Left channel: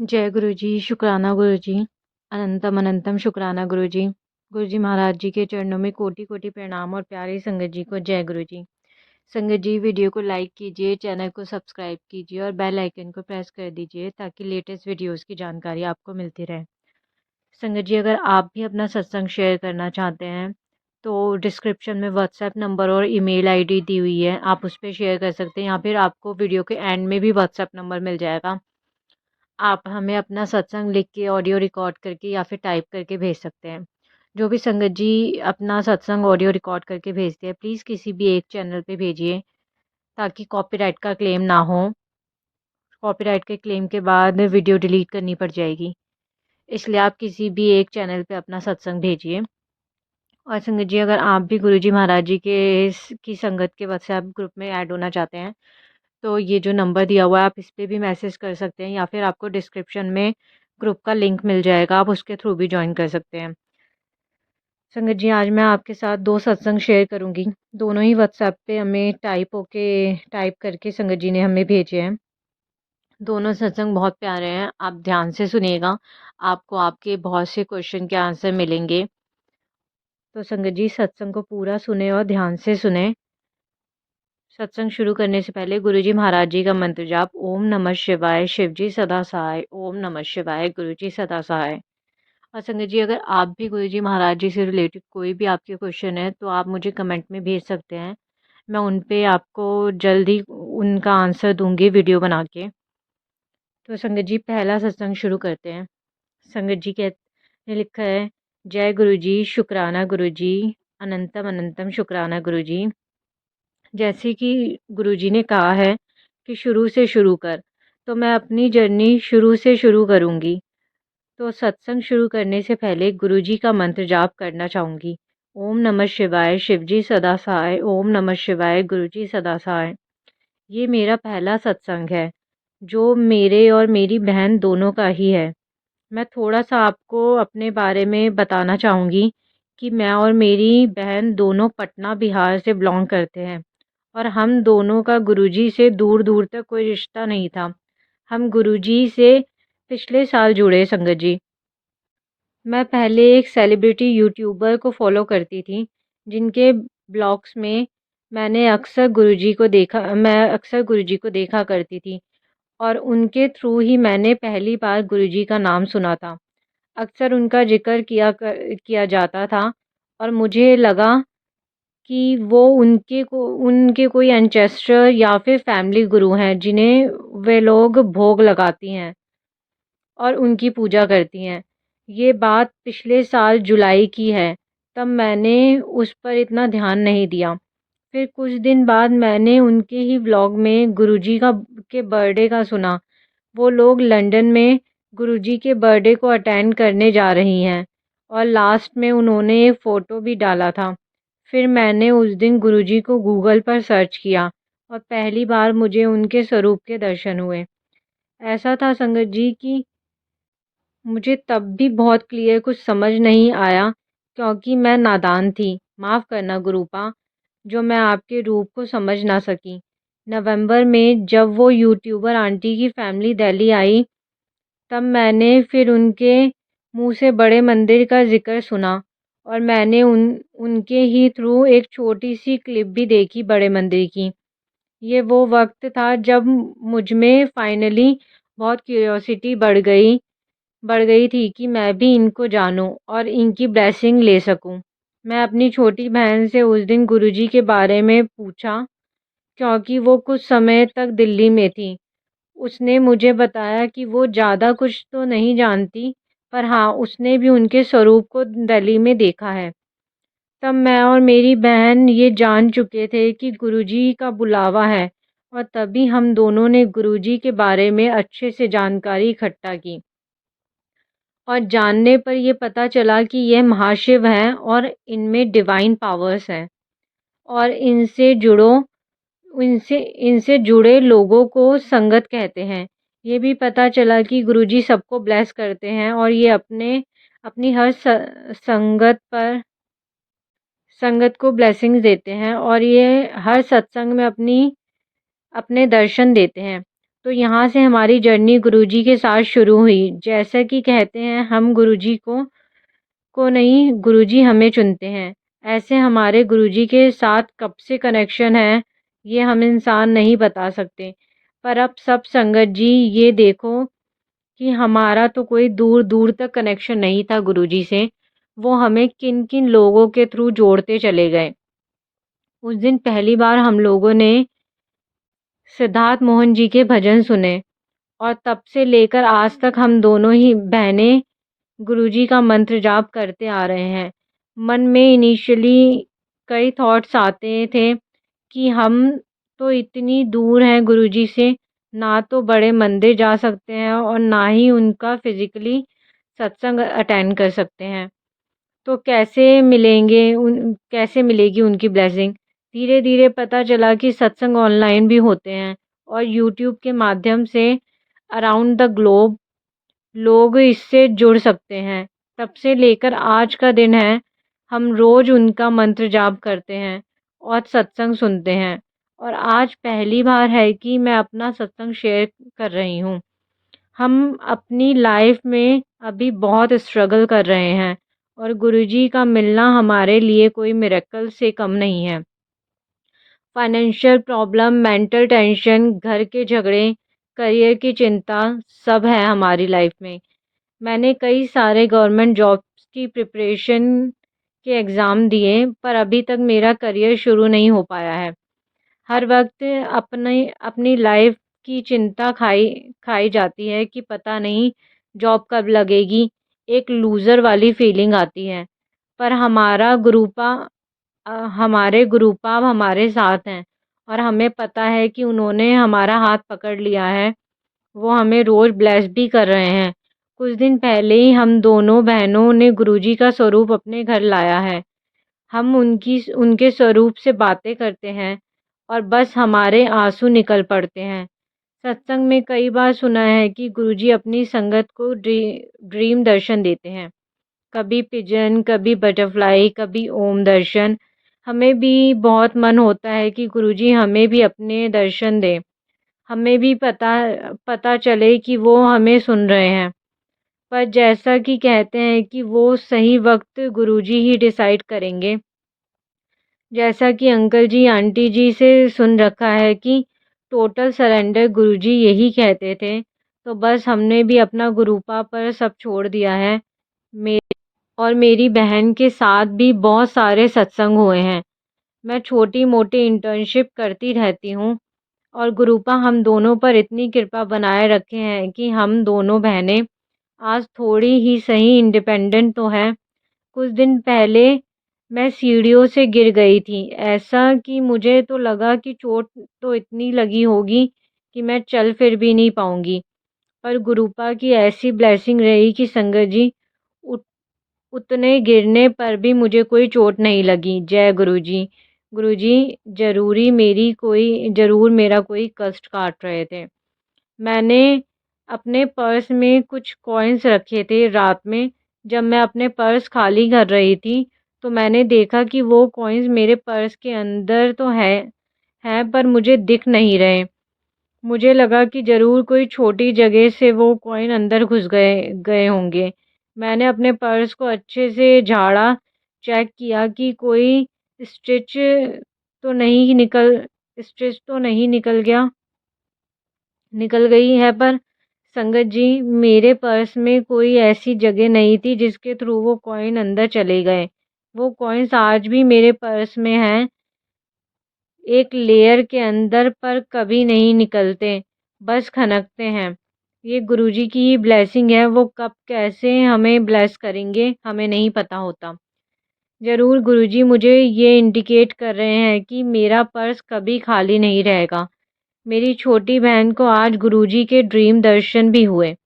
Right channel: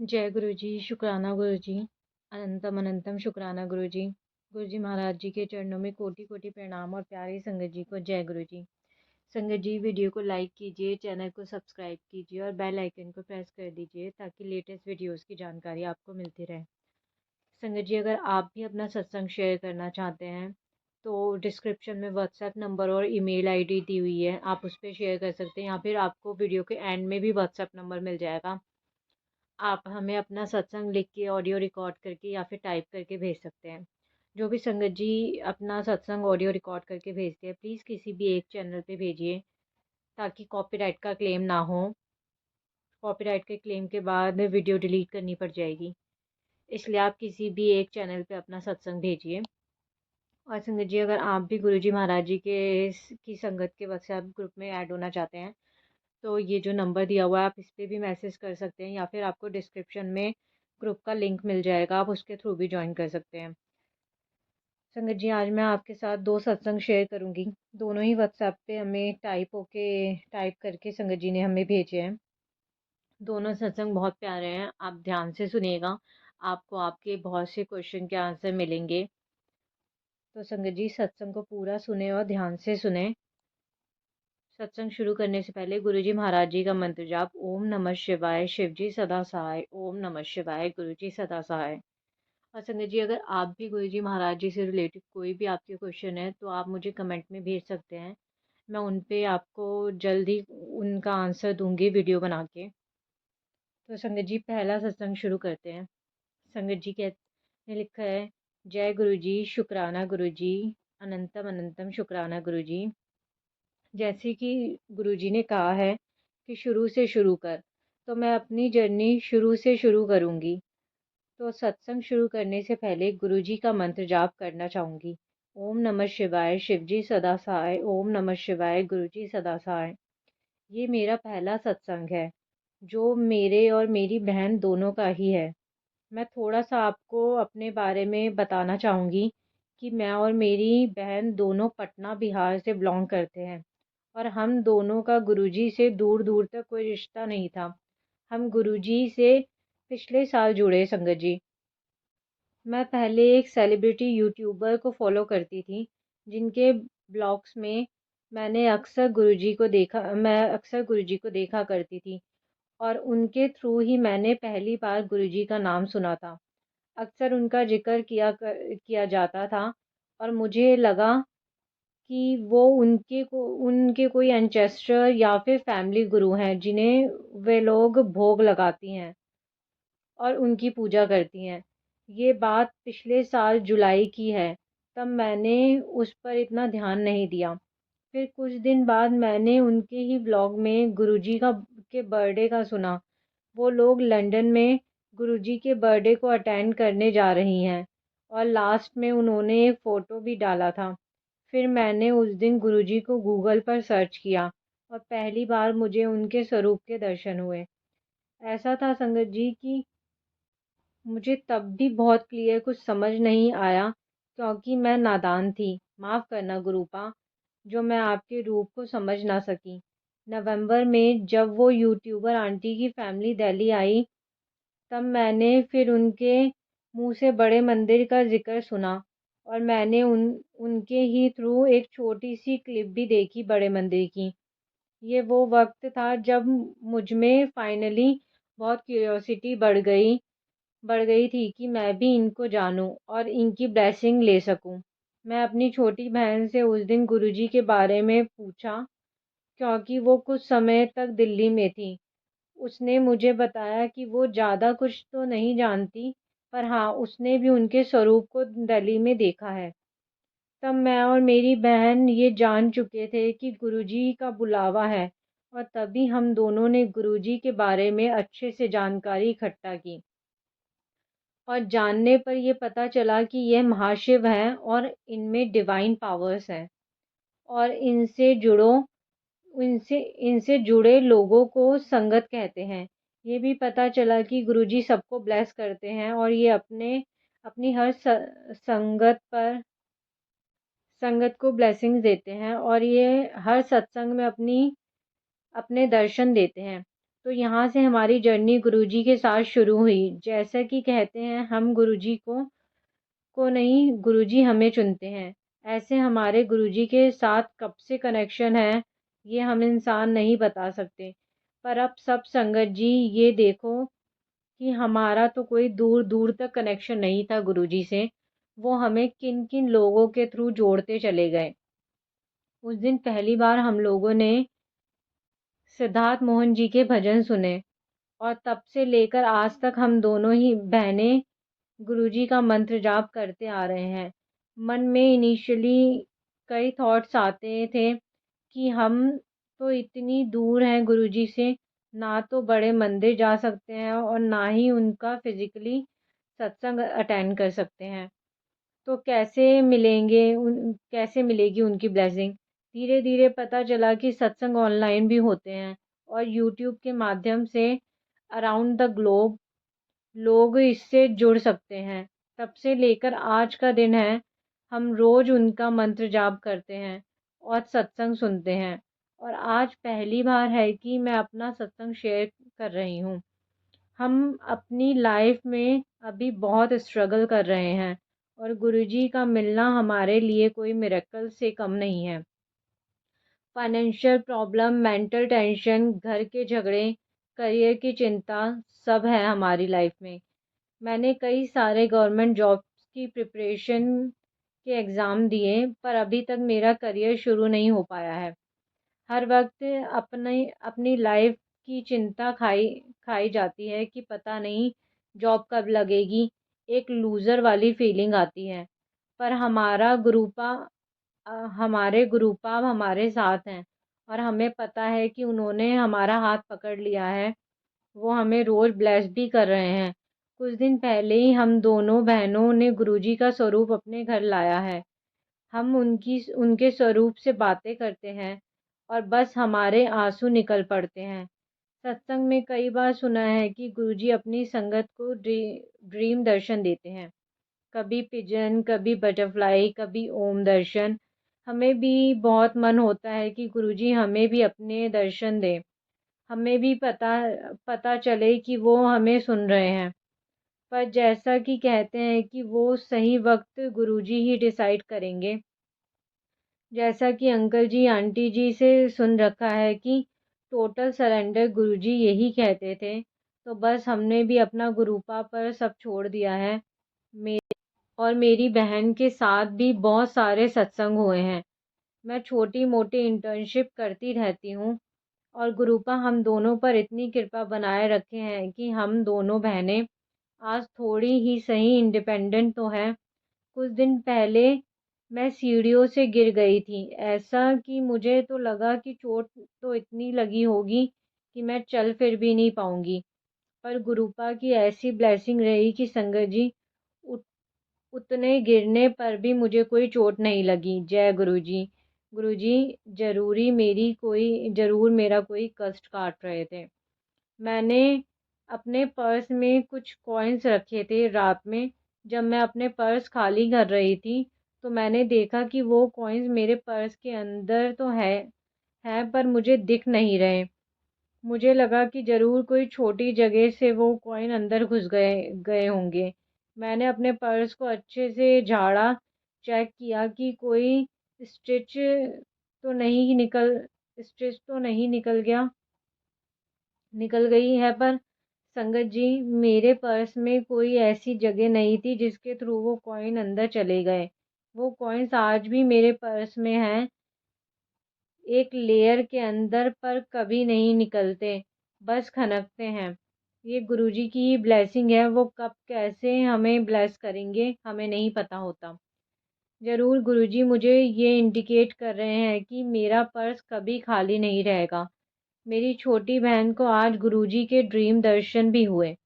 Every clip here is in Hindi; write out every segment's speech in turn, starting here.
जय गुरु जी, शुक्राना गुरु जी, अनंतम अनंतम शुक्राना गुरु जी। गुरु जी महाराज जी के चरणों में कोटि कोटि प्रणाम और प्यारी संगत जी को जय गुरु जी। संगत जी वीडियो को लाइक कीजिए, चैनल को सब्सक्राइब कीजिए और बेल आइकन को प्रेस कर दीजिए ताकि लेटेस्ट वीडियोस की जानकारी आपको मिलती रहे। संगत जी अगर आप भी अपना सत्संग शेयर करना चाहते हैं तो डिस्क्रिप्शन में व्हाट्सएप नंबर और ईमेल आईडी दी हुई है, आप उस पर शेयर कर सकते हैं या फिर आपको वीडियो के एंड में भी व्हाट्सएप नंबर मिल जाएगा। आप हमें अपना सत्संग लिख के ऑडियो रिकॉर्ड करके या फिर टाइप करके भेज सकते हैं। जो भी संगत जी अपना सत्संग ऑडियो रिकॉर्ड करके भेजते हैं प्लीज़ किसी भी एक चैनल पे भेजिए ताकि कॉपीराइट का क्लेम ना हो। कॉपीराइट के क्लेम के बाद वीडियो डिलीट करनी पड़ जाएगी, इसलिए आप किसी भी एक चैनल पे अपना सत्संग भेजिए। और संगत जी अगर आप भी गुरु जी महाराज जी के की संगत के व्हाट्सएप ग्रुप में ऐड होना चाहते हैं तो ये जो नंबर दिया हुआ है आप इस पे भी मैसेज कर सकते हैं या फिर आपको डिस्क्रिप्शन में ग्रुप का लिंक मिल जाएगा, आप उसके थ्रू भी ज्वाइन कर सकते हैं। संगत जी आज मैं आपके साथ 2 सत्संग शेयर करूँगी। दोनों ही व्हाट्सएप पे हमें टाइप करके संगत जी ने हमें भेजे हैं। दोनों सत्संग बहुत प्यारे हैं, आप ध्यान से सुनिएगा, आपको आपके बहुत से क्वेश्चन के आंसर मिलेंगे। तो संगत जी सत्संग को पूरा सुने और ध्यान से सुने। सत्संग शुरू करने से पहले गुरुजी महाराज जी का मंत्र जाप ओम नमः शिवाय, शिव जी सदा सहाय, ओम नमः शिवाय, गुरु जी सदा सहाय। और संगत जी अगर आप भी गुरु जी महाराज जी से रिलेटेड कोई भी आपके क्वेश्चन है तो आप मुझे कमेंट में भेज सकते हैं, मैं उन पे आपको जल्द ही उनका आंसर दूंगी वीडियो बना के। तो संगत जी पहला सत्संग शुरू करते हैं। संगत जी ने लिखा है, जय गुरु जी, शुक्राना गुरु जी, अनंतम अनंतम शुक्राना गुरु जी। जैसे कि गुरुजी ने कहा है कि शुरू से शुरू कर, तो मैं अपनी जर्नी शुरू से शुरू करूँगी। तो सत्संग शुरू करने से पहले गुरुजी का मंत्र जाप करना चाहूँगी। ओम नमः शिवाय, शिव जी सदा सहाय, ओम नमः शिवाय, गुरु जी सदा सहाय। ये मेरा पहला सत्संग है, जो मेरे और मेरी बहन दोनों का ही है। मैं थोड़ा-सा आपको अपने बारे में बताना चाहूँगी कि मैं और मेरी बहन दोनों पटना, बिहार से बिलॉन्ग करते हैं और हम दोनों का गुरुजी से दूर-दूर तक कोई रिश्ता नहीं था। हम गुरुजी से पिछले साल जुड़े संगत जी। मैं पहले एक सेलिब्रिटी यूट्यूबर को फ़ॉलो करती थी, जिनके ब्लॉग्स में मैं अक्सर गुरुजी को देखा करती थी और उनके थ्रू ही मैंने पहली बार गुरुजी का नाम सुना था। अक्सर उनका ज़िक्र किया जाता था और मुझे लगा कि वो उनके कोई एंसेस्टर या फिर फैमिली गुरु हैं, जिन्हें वे लोग भोग लगाती हैं और उनकी पूजा करती हैं। ये बात पिछले साल जुलाई की है, तब मैंने उस पर इतना ध्यान नहीं दिया। फिर कुछ दिन बाद मैंने उनके ही व्लॉग में गुरुजी के बर्थडे का सुना। वो लोग लंदन में गुरुजी के बर्थडे को अटेंड करने जा रही हैं और लास्ट में उन्होंने एक फ़ोटो भी डाला था। फिर मैंने उस दिन गुरुजी को गूगल पर सर्च किया और पहली बार मुझे उनके स्वरूप के दर्शन हुए। ऐसा था संगत जी कि मुझे तब भी बहुत क्लियर कुछ समझ नहीं आया क्योंकि मैं नादान थी। माफ़ करना गुरूपा, जो मैं आपके रूप को समझ ना सकी। नवंबर में जब वो यूट्यूबर आंटी की फैमिली दिल्ली आई, तब मैंने फिर उनके मुँह से बड़े मंदिर का ज़िक्र सुना और मैंने उनके ही थ्रू एक छोटी-सी क्लिप भी देखी बड़े मंदिर की। ये वो वक़्त था जब मुझ में फाइनली बहुत क्यूरियोसिटी बढ़ गई थी कि मैं भी इनको जानूँ और इनकी ब्लेसिंग ले सकूँ। मैं अपनी छोटी बहन से उस दिन गुरुजी के बारे में पूछा क्योंकि वो कुछ समय तक दिल्ली में थी। उसने मुझे बताया कि वो ज़्यादा कुछ तो नहीं जानती, पर हाँ, उसने भी उनके स्वरूप को दिल्ली में देखा है। तब मैं और मेरी बहन ये जान चुके थे कि गुरुजी का बुलावा है और तभी हम दोनों ने गुरुजी के बारे में अच्छे से जानकारी इकट्ठा की। और जानने पर ये पता चला कि ये महाशिव हैं और इनमें डिवाइन पावर्स हैं और इनसे जुड़े लोगों को संगत कहते हैं। ये भी पता चला कि गुरुजी सबको ब्लेस करते हैं और ये अपनी हर संगत को ब्लेसिंग्स देते हैं और ये हर सत्संग में अपने दर्शन देते हैं। तो यहाँ से हमारी जर्नी गुरुजी के साथ शुरू हुई। जैसा कि कहते हैं, हम गुरुजी को नहीं, गुरुजी हमें चुनते हैं। ऐसे हमारे गुरुजी के साथ कब से कनेक्शन है, ये हम इंसान नहीं बता सकते। पर अब सब संगत जी, ये देखो कि हमारा तो कोई दूर दूर तक कनेक्शन नहीं था गुरुजी से। वो हमें किन किन लोगों के थ्रू जोड़ते चले गए। उस दिन पहली बार हम लोगों ने सिद्धार्थ मोहन जी के भजन सुने, और तब से लेकर आज तक हम दोनों ही बहनें गुरुजी का मंत्र जाप करते आ रहे हैं। मन में इनिशियली कई थॉट्स आते थे कि हम तो इतनी दूर हैं गुरुजी से, ना तो बड़े मंदिर जा सकते हैं और ना ही उनका फिज़िकली सत्संग अटेंड कर सकते हैं। तो कैसे मिलेगी उनकी ब्लेसिंग? धीरे-धीरे पता चला कि सत्संग ऑनलाइन भी होते हैं, और यूट्यूब के माध्यम से अराउंड द ग्लोब लोग इससे जुड़ सकते हैं। तब से लेकर आज का दिन है, हम रोज़ उनका मंत्र जाप करते हैं और सत्संग सुनते हैं। और आज पहली बार है कि मैं अपना सत्संग शेयर कर रही हूँ। हम अपनी लाइफ में अभी बहुत स्ट्रगल कर रहे हैं, और गुरुजी का मिलना हमारे लिए कोई मिरेकल से कम नहीं है। फाइनेंशियल प्रॉब्लम, मेंटल टेंशन, घर के झगड़े, करियर की चिंता, सब है हमारी लाइफ में। मैंने कई सारे गवर्नमेंट जॉब्स की प्रिपरेशन के एग्ज़ाम दिए, पर अभी तक मेरा करियर शुरू नहीं हो पाया है। हर वक़्त अपनी अपनी लाइफ़ की चिंता खाई खाई जाती है कि पता नहीं जॉब कब लगेगी। एक लूज़र वाली फीलिंग आती है। पर हमारे गुरुपा हमारे साथ हैं, और हमें पता है कि उन्होंने हमारा हाथ पकड़ लिया है। वो हमें रोज़ ब्लेस भी कर रहे हैं। कुछ दिन पहले ही हम दोनों बहनों ने गुरुजी का स्वरूप अपने घर लाया है। हम उनके स्वरूप से बातें करते हैं, और बस हमारे आँसू निकल पड़ते हैं। सत्संग में कई बार सुना है कि गुरुजी अपनी संगत को ड्रीम दर्शन देते हैं। कभी पिजन, कभी बटरफ्लाई, कभी ओम दर्शन। हमें भी बहुत मन होता है कि गुरुजी हमें भी अपने दर्शन दें। हमें भी पता पता चले कि वो हमें सुन रहे हैं। पर जैसा कि कहते हैं कि वो सही वक़्त गुरुजी ही डिसाइड करेंगे। जैसा कि अंकल जी, आंटी जी से सुन रखा है कि टोटल सरेंडर गुरुजी यही कहते थे, तो बस हमने भी अपना गुरूपा पर सब छोड़ दिया है। मे और मेरी बहन के साथ भी बहुत सारे सत्संग हुए हैं। मैं छोटी-मोटी इंटर्नशिप करती रहती हूँ, और गुरूपा हम दोनों पर इतनी कृपा बनाए रखे हैं कि हम दोनों बहनें आज थोड़ी ही सही इंडिपेंडेंट तो हैं। कुछ दिन पहले मैं सीढ़ियों से गिर गई थी। ऐसा कि मुझे तो लगा कि चोट तो इतनी लगी होगी कि मैं चल फिर भी नहीं पाऊँगी। पर गुरुपा की ऐसी ब्लेसिंग रही कि संगत जी, उत उतने गिरने पर भी मुझे कोई चोट नहीं लगी। जय गुरुजी। गुरुजी ज़रूर मेरा कोई कष्ट काट रहे थे। मैंने अपने पर्स में कुछ कॉइन्स रखे थे रात में। जब मैं अपने पर्स खाली कर रही थी, तो मैंने देखा कि वो कॉइन्स मेरे पर्स के अंदर तो हैं, पर मुझे दिख नहीं रहे। मुझे लगा कि ज़रूर कोई छोटी जगह से वो कॉइन अंदर घुस गए गए होंगे। मैंने अपने पर्स को अच्छे से झाड़ा, चेक किया कि कोई स्टिच तो नहीं निकल स्टिच तो नहीं निकल गई है। पर संगत जी, मेरे पर्स में कोई ऐसी जगह नहीं थी जिसके थ्रू वो कॉइन अंदर चले गए। वो कॉइन्स आज भी मेरे पर्स में हैं, एक लेयर के अंदर, पर कभी नहीं निकलते, बस खनकते हैं। ये गुरुजी की ही ब्लेसिंग है। वो कब कैसे हमें ब्लेस करेंगे, हमें नहीं पता होता। ज़रूर गुरुजी मुझे ये इंडिकेट कर रहे हैं कि मेरा पर्स कभी खाली नहीं रहेगा। मेरी छोटी बहन को आज गुरुजी के ड्रीम दर्शन भी हुए।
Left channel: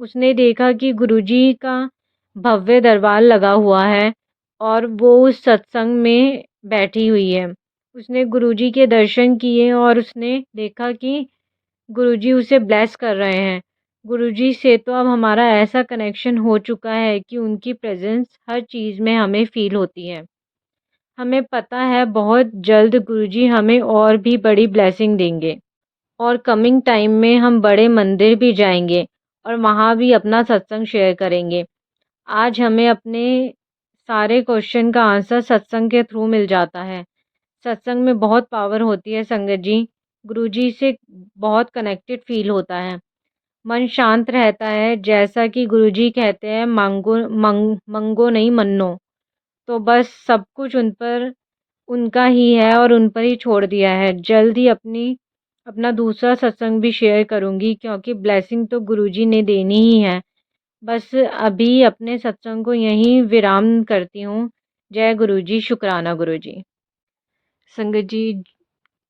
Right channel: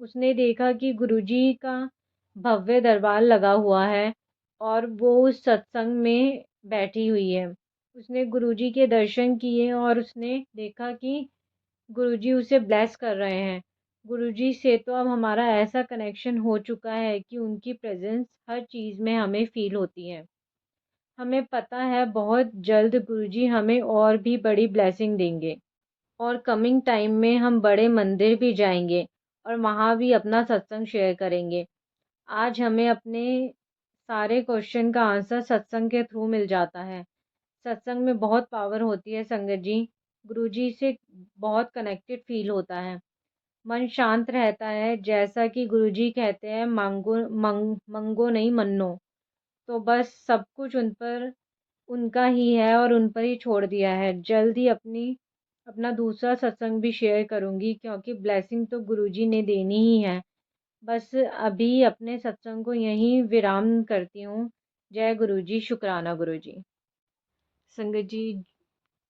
उसने देखा कि गुरुजी का भव्य दरबार लगा हुआ है, और वो उस सत्संग में बैठी हुई है। उसने गुरुजी के दर्शन किए, और उसने देखा कि गुरुजी उसे ब्लेस कर रहे हैं। गुरुजी से तो अब हमारा ऐसा कनेक्शन हो चुका है कि उनकी प्रेज़ेंस हर चीज़ में हमें फ़ील होती है। हमें पता है बहुत जल्द गुरुजी हमें और भी बड़ी ब्लेसिंग देंगे। और कमिंग टाइम में हम बड़े मंदिर भी जाएँगे और वहाँ भी अपना सत्संग शेयर करेंगे। आज हमें अपने सारे क्वेश्चन का आंसर सत्संग के थ्रू मिल जाता है। सत्संग में बहुत पावर होती है संगत जी। गुरुजी से बहुत कनेक्टेड फ़ील होता है। मन शांत रहता है, जैसा कि गुरुजी कहते हैं, मंगो नहीं मन्नो। तो बस सब कुछ उन पर उनका ही है और उन पर ही छोड़ दिया है। जल्द ही अपना दूसरा सत्संग भी शेयर करूँगी, क्योंकि ब्लेसिंग तो गुरुजी ने देनी ही है। बस अभी अपने सत्संग को यहीं विराम करती हूँ। जय गुरुजी, शुक्राना गुरुजी। संगत जी,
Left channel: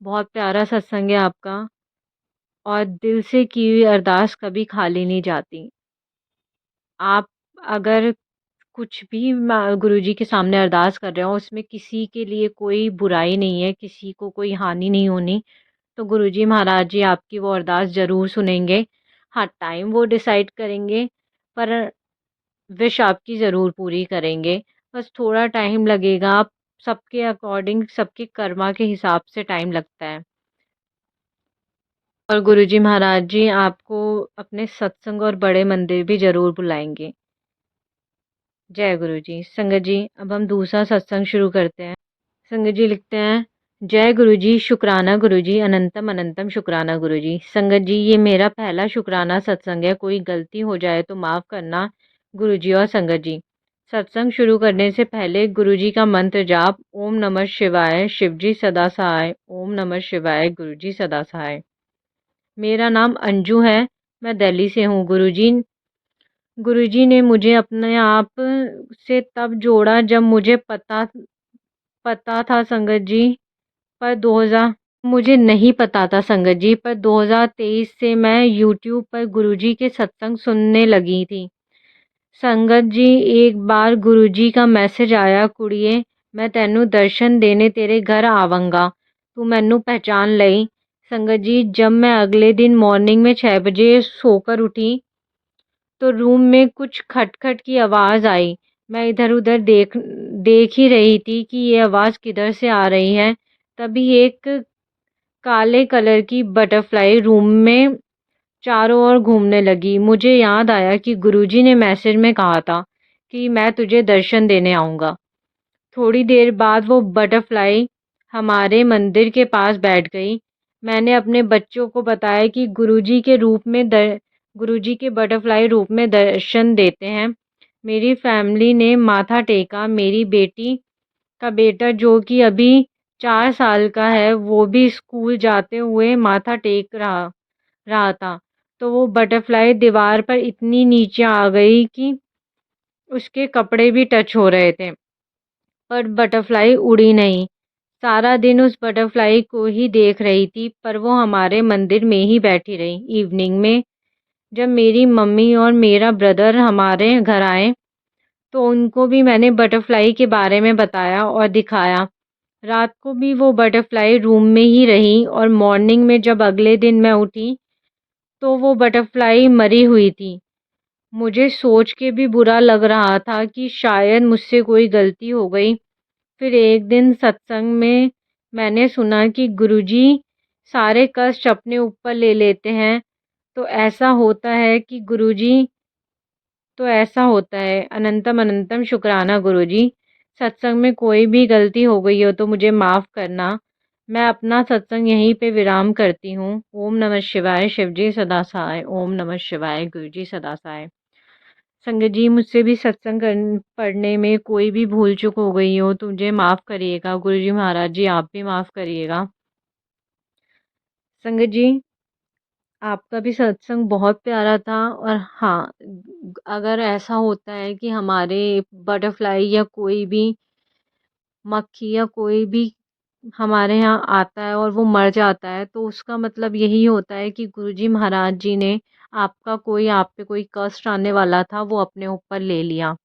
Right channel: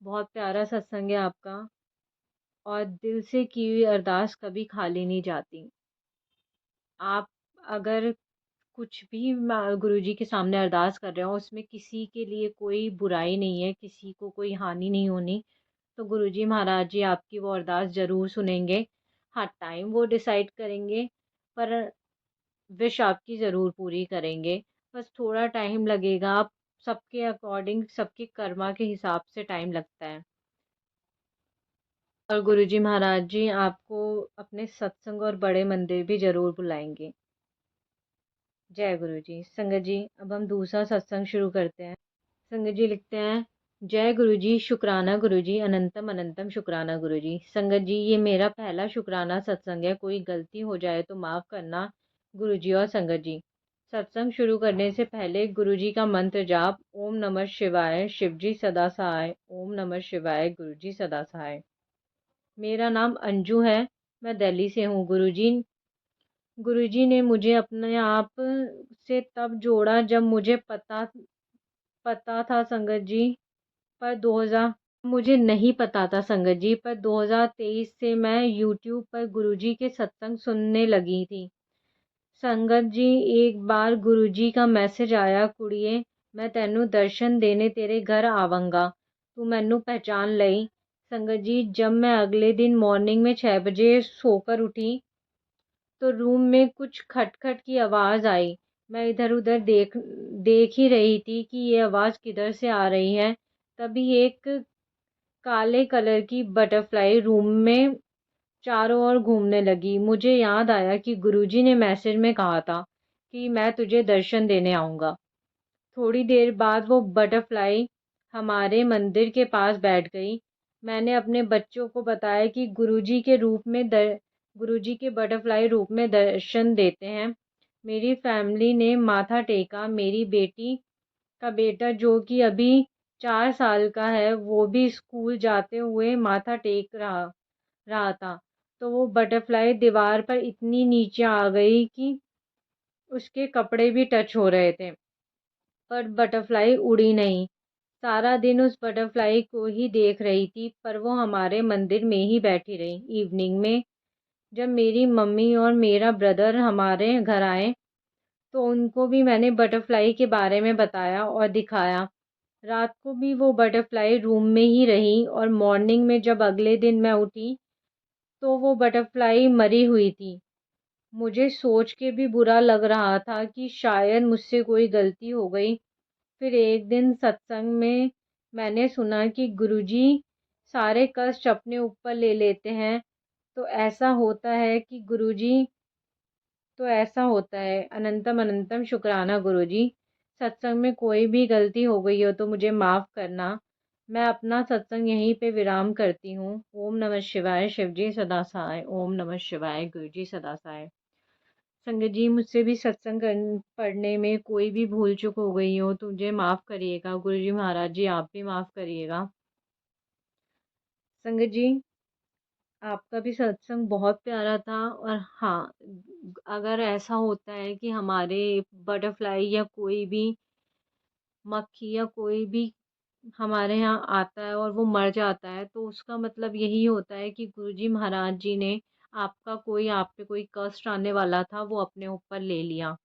बहुत प्यारा सत्संग है आपका और दिल से की हुई अरदास कभी खाली नहीं जाती। आप अगर कुछ भी गुरुजी के सामने अरदास कर रहे हो, उसमें किसी के लिए कोई बुराई नहीं है, किसी को कोई हानि नहीं होनी, तो गुरुजी महाराज जी आपकी वो अरदास ज़रूर सुनेंगे। हाँ, टाइम वो डिसाइड करेंगे, पर विश आपकी ज़रूर पूरी करेंगे। बस थोड़ा टाइम लगेगा, आप सबके अकॉर्डिंग, सबके कर्मा के हिसाब से टाइम लगता है। और गुरुजी महाराज जी आपको अपने सत्संग और बड़े मंदिर भी ज़रूर बुलाएँगे। जय गुरुजी। संगत जी, अब हम दूसरा सत्संग शुरू करते हैं। संगत जी लिखते हैं, जय गुरुजी, शुक्राना गुरुजी, अनंतम अनंतम शुक्राना गुरुजी। संगत जी, ये मेरा पहला शुक्राना सत्संग है। कोई गलती हो जाए तो माफ़ करना गुरुजी और संगत जी। सत्संग शुरू करने से पहले गुरुजी का मंत्र जाप, ओम नमः शिवाय, शिवजी सदा सहाय, ओम नमः शिवाय, गुरुजी सदा सहाय। मेरा नाम अंजू है, मैं दिल्ली से हूँ। गुरुजी ने मुझे अपने आप से तब जोड़ा जब मुझे पता पता था संगत जी, पर 2000 मुझे नहीं पता था संगत जी, पर 2023 से मैं यूट्यूब पर गुरुजी के सत्संग सुनने लगी थी। संगत जी, एक बार गुरुजी का मैसेज आया, कुड़िए मैं तैनू दर्शन देने तेरे घर आवांगा, तू मैनू पहचान लई। संगत जी, जब मैं अगले दिन मॉर्निंग में 6 बजे सोकर उठी, तो रूम में कुछ खटखट की आवाज़ आई। मैं इधर-उधर देख ही रही थी कि ये आवाज़ किधर से आ रही है। तभी एक काले कलर की बटरफ्लाई रूम में चारों ओर घूमने लगी। मुझे याद आया कि गुरुजी ने मैसेज में कहा था कि मैं तुझे दर्शन देने आऊँगा। थोड़ी देर बाद वो बटरफ्लाई हमारे मंदिर के पास बैठ गई। मैंने अपने बच्चों को बताया कि गुरुजी के बटरफ्लाई रूप में दर्शन देते हैं। मेरी फैमिली ने माथा टेका। मेरी बेटी का बेटा, जो कि अभी 4 साल का है, वो भी स्कूल जाते हुए माथा टेक रहा रहा था। तो वो बटरफ्लाई दीवार पर इतनी नीचे आ गई कि उसके कपड़े भी टच हो रहे थे। पर बटरफ्लाई उड़ी नहीं। सारा दिन उस बटरफ्लाई को ही देख रही थी, पर वो हमारे मंदिर में ही बैठी रही। इवनिंग में जब मेरी मम्मी और मेरा ब्रदर हमारे घर आए, तो उनको भी मैंने बटरफ्लाई के बारे में बताया और दिखाया। रात को भी वो बटरफ्लाई रूम में ही रही और मॉर्निंग में जब अगले दिन मैं उठी, तो वो बटरफ्लाई मरी हुई थी। मुझे सोच के भी बुरा लग रहा था कि शायद मुझसे कोई गलती हो गई। फिर एक दिन सत्संग में मैंने सुना कि गुरुजी सारे कष्ट अपने ऊपर ले लेते हैं। तो ऐसा होता है कि गुरुजी तो ऐसा होता है। अनंतम अनंतम शुक्राना गुरुजी। सत्संग में कोई भी गलती हो गई हो तो मुझे माफ़ करना। मैं अपना सत्संग यहीं पे विराम करती हूँ। ओम नमः शिवाय, शिवजी सदा सहाय। ओम नमः शिवाय, गुरुजी सदा सहाय। संगत जी, मुझसे भी पढ़ने में कोई भी भूल चूक हो गई हो तो मुझे माफ़ करिएगा। गुरुजी महाराज जी, आप भी माफ़ करिएगा। संगत जी, आपका भी सत्संग बहुत प्यारा था। और हाँ, अगर ऐसा होता है कि हमारे बटरफ्लाई या कोई भी मक्खी या कोई भी हमारे यहाँ आता है और वो मर जाता है, तो उसका मतलब यही होता है कि गुरुजी महाराज जी ने आप पे कोई कष्ट आने वाला था, वो अपने ऊपर ले लिया।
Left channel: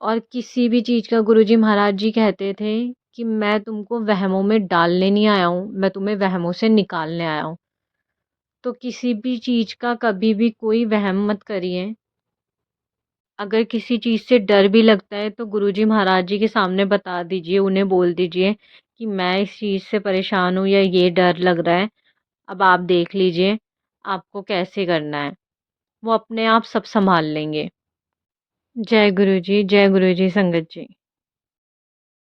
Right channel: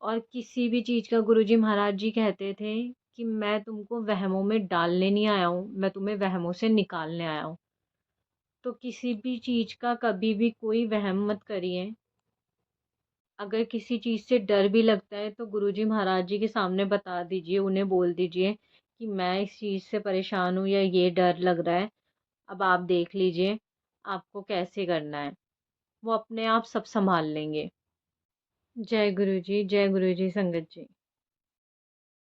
और किसी भी चीज़ का गुरुजी महाराज जी कहते थे कि मैं तुमको वहमों में डालने नहीं आया हूँ, मैं तुम्हें वहमों से निकालने आया हूँ। तो किसी भी चीज़ का कभी भी कोई वहम मत करिए। अगर किसी चीज़ से डर भी लगता है तो गुरुजी महाराज जी के सामने बता दीजिए, उन्हें बोल दीजिए कि मैं इस चीज़ से परेशान हूँ या ये डर लग रहा है। अब आप देख लीजिए आपको कैसे करना है। वो अपने आप सब सँभाल लेंगे। जय गुरु जी, संगत जी।